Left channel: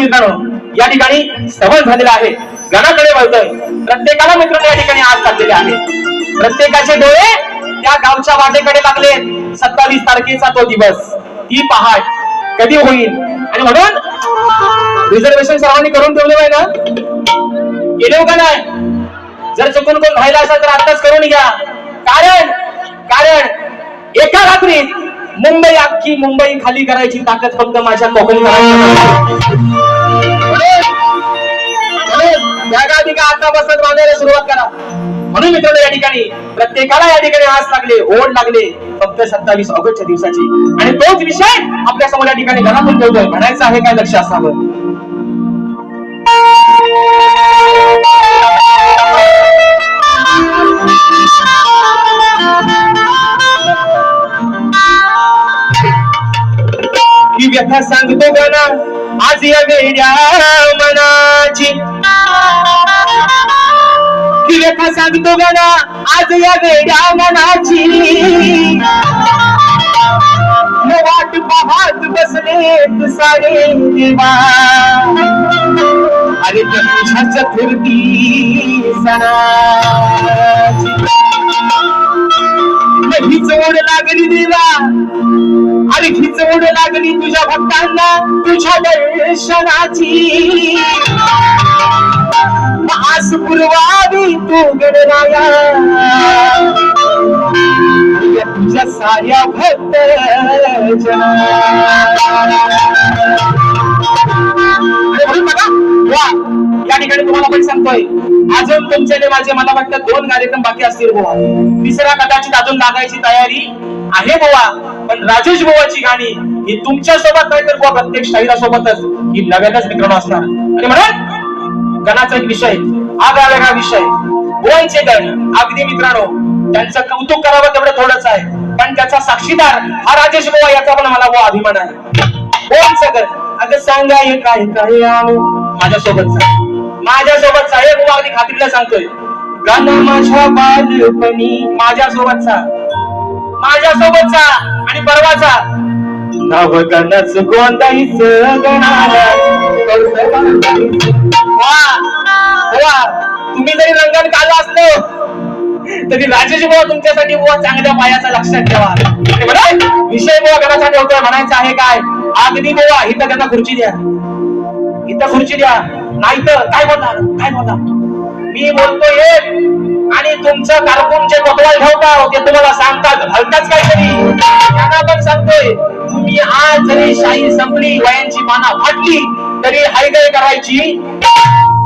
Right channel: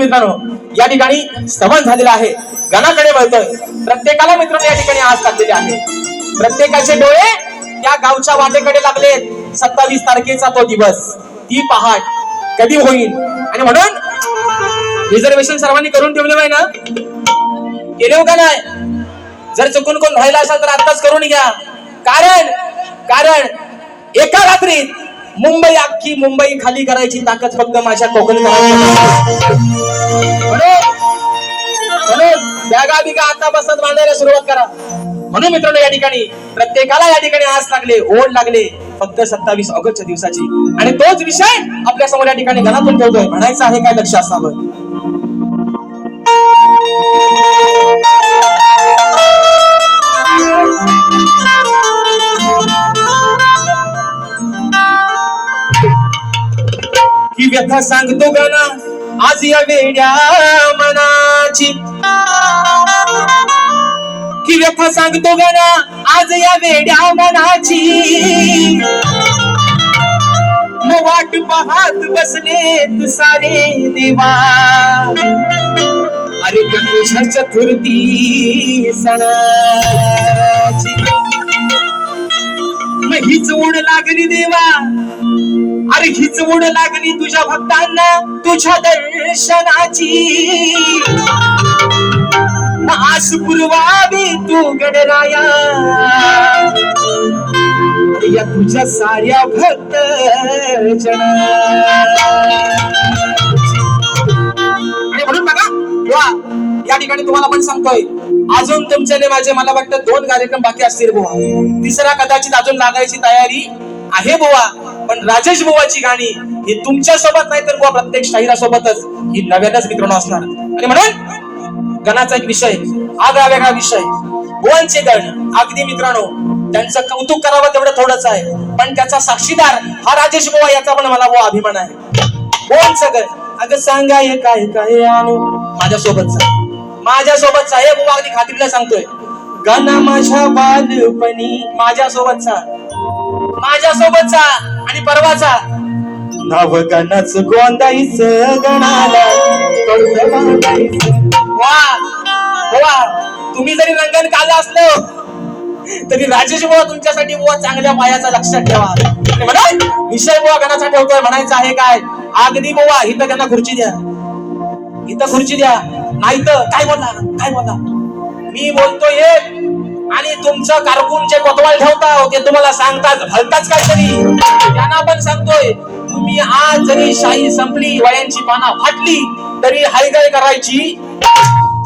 मित्रांनो या ठिकाणी श्रवण झालेला आहे. गणाकडे वळतोय. प्रत्येकाला मित्रांनो या ठिकाणी आज टाकलेले आहे. प्रत्येकाचे डोळे त्या गावच्या वाटेकडे लागलेत सत्तावीस तारखेचा तो दिवस. ती पहाट कधी होईल? आणि म्हणून रिझर्वेशन सर्वांनी करून ठेवले पाहिजे ना? केले हो का नाही? जर चुकून कोण व्हायला असेल तर आताच करून घ्या. कारण कारण एका रात्रीत मुंबई अख्खी मुंबई खाली करायची ताकद फक्त माझ्या कोकणकरांना म्हणून बॅगा बिगा आता बसत बांधायला सुरुवात करा? म्हणून मित्रांनो या ठिकाणी प्रत्येकाला या ठिकाणी आस लागले ओढ लागले फक्त सत्तावीस ऑगस्टच्या दिवसाची. आणि तोच विषय आपल्यासमोर या ठिकाणी घरातून ठेवतोय. म्हणायचं आहे काय लक्ष असावं? ही व्यथा सांगतो गाना आज या वेड्या मनाची. ही व्यथा सांगतो गणा आज या वेड्या मनाची. वाट पाहत बसले तू सारे देवा. अरे प्रकृषा चतुर्थी सणाची. हीच ओढ लागली देवा. अरे हीच ओढ लागली तुझ्या भक्तांना तुझ्या दर्शनाची. आस पुरवावी तू गणराया या तुझ्या साऱ्या भक्त आणि म्हणून बघा वा या ठिकाणी तुम्हाला पण सांगतोय अजून तुमच्याकडे माझे मला वाटतं दोन कार्यक्रम बाकी असतील बुवा तिसरा कदाचित अजून लागायची तयारी आहे बुवा पण राजेश बुवाची गाणी ही तुमच्यासोबत नाही तर बुवा प्रत्येक शाहिरा सोबतच ही नव्यानच मित्रांनो असणार आणि म्हणून गणाचा एक विषय. आगळा का विषय. बुवांचे गण. अगदी मित्रांनो त्यांचं कौतुक करावं तेवढं थोडंच आहे. पण त्याचा साक्षीदार हा राजेश बुवा याचा पण मला बुवा अभिमान आहे. बुवांचं गण. अगं सांगा हे काय काय माझ्यासोबतचा माझ्यासोबतचा हे बुवा अगदी खात्रीला सांगतोय. गण माझ्या बालपणी माझ्यासोबतचा माझ्यासोबतचा आणि परवाचा नव गणच गोंदाईच गणाला वा तुम्ही जरी रंगण काला असलो तरी राजेश बुवा तुमच्यासाठी बुवा चांगल्या पायाचा लक्षात ठेवा. म्हणा विषय बुवा घरासाठी ठेवतोय म्हणायचं आहे काय? अगदी बुवा इथं त्यांना खुर्ची द्या. इथं खुर्ची द्या. नाही तर काय बोलता काय बोलता मी बोलतोय एक आणि तुमचं कारकून जे कोतवाल ठेवता ते तुम्हाला सांगतात भलताच काहीतरी. त्यांना पण सांगतोय तुम्ही आज जरी शाही संपली वयांची पाना फाटली तरी हायगय करायची.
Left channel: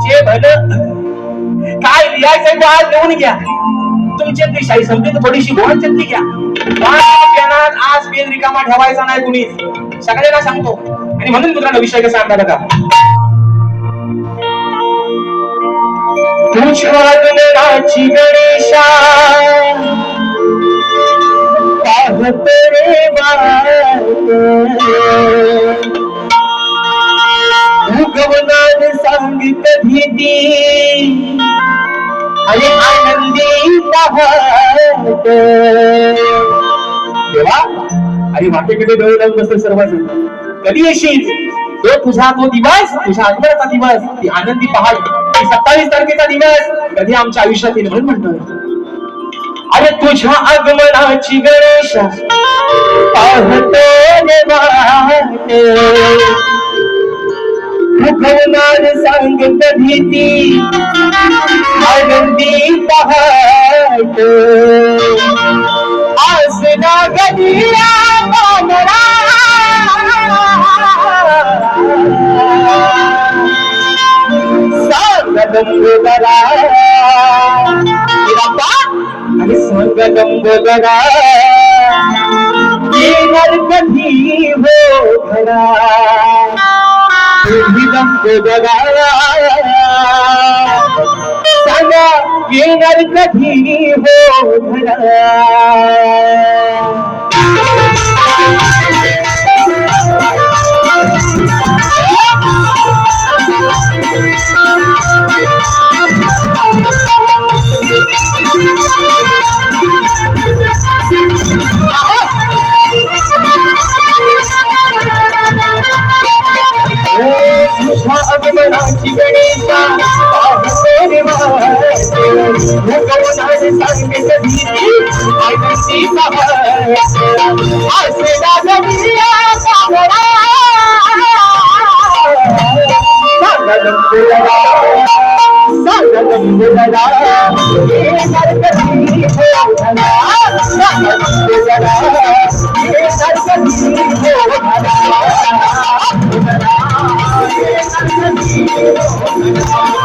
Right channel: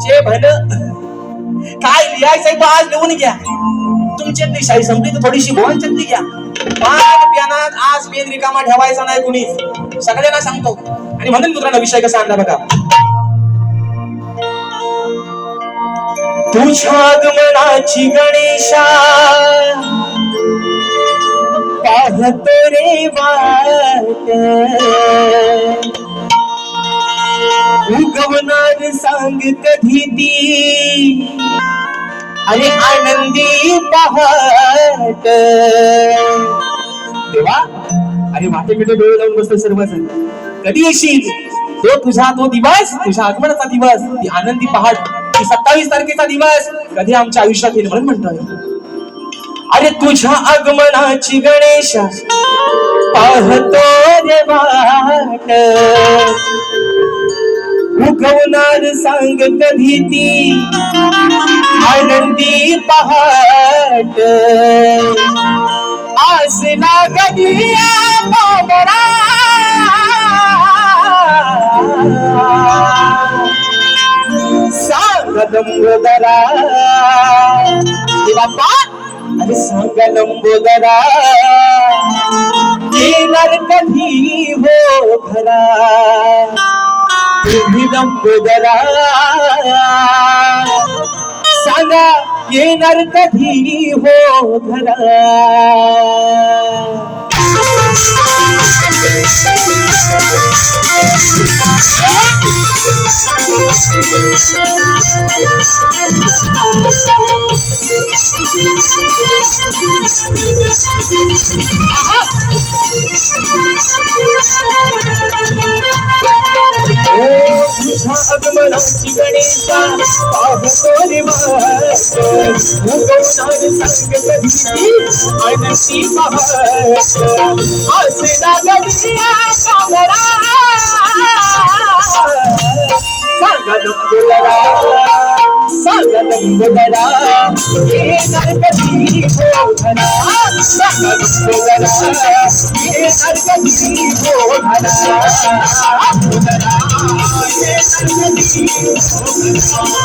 जे भल काय लिहायचंय तो आज लिहून घ्या. तुमच्यातली शाही संपली तर थोडीशी बोलायच्यातली घ्या. पाण्यात आज पेन रिकामा ठेवायचा नाही कुणी. सगळ्यांना सांगतो. आणि म्हणून मित्रांनो विषय कसा आणला बघा. तुझ्या गणेशा. पाहत रे वाट उगवणार सांगित भीती. आणि आनंदी पाहत. देवा अरे वाटेकडे डोळे लावून बसले सर्वजण. कधी येशील? तो तुझा तो दिवस तुझ्या आगमनाचा दिवस ती आनंदी पहाड ती सत्तावीस तारखेचा दिवस कधी आमच्या आयुष्यात येईल म्हणून म्हणतोय. अरे तुझ्या आगमनाची गणेश पाहतो वाट. उगवणार सांग कधी ती आनंदी पहाट. आसना कधी आम्हाला सांग लंबोदरा तिला सांग लंबोदरा येणार कधी हो घरा तुम्ही लंबोदरा सांगा येणार कधी हो घरा तुझ्या आगमनाची गणेशा पाहतो रे वाट भगवनाने सांगितलं भीती आनंदी पहाट असे नागरिया कावरा सांगा लंबुदरा सांगा लंबुदरा हे नरकती भोगला सांगा लंबुदरा हे नरकती भोगला I'm not sure.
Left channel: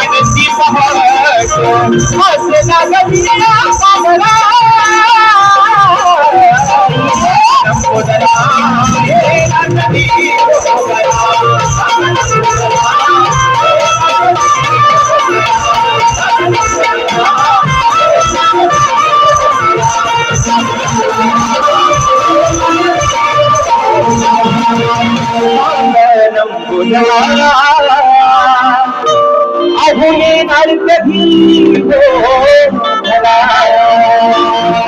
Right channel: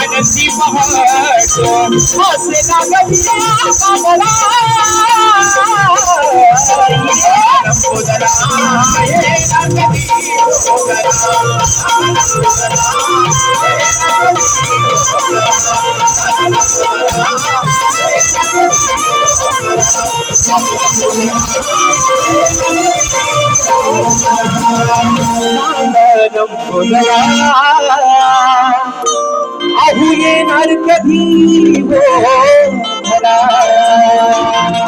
आनंदी पहाट असे नागरिया पावरा नंबोदरा हे नागरी अहो येणार कधी हो